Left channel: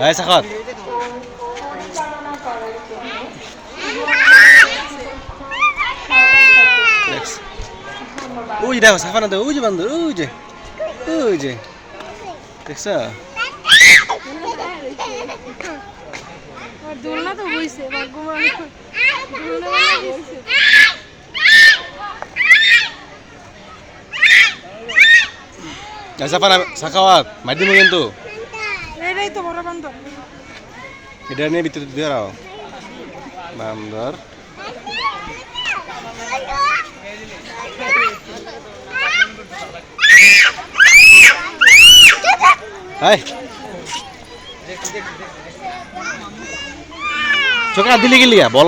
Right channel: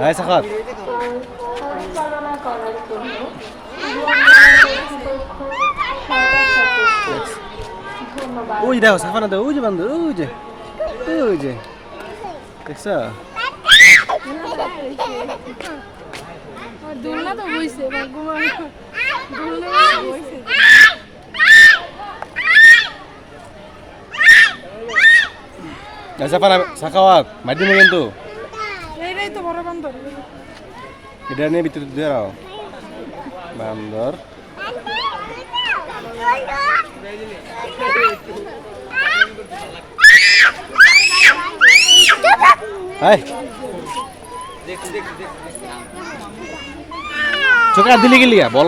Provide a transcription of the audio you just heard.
এই সাখাত ওই দেখো সাফানা দেখো ওই যে বান্দর ওই যে দেখছ দুলনা তো হইছে ভগবান দুলনা হইছে সাফানা সাখাওয়াত মাইদি মো কিন্তু এটাই তো বড় বান্দর এটা নিয়ে ভিতরে দিয়ে রাও বান্দর হাই চোখা দিলি গেলিয়া বল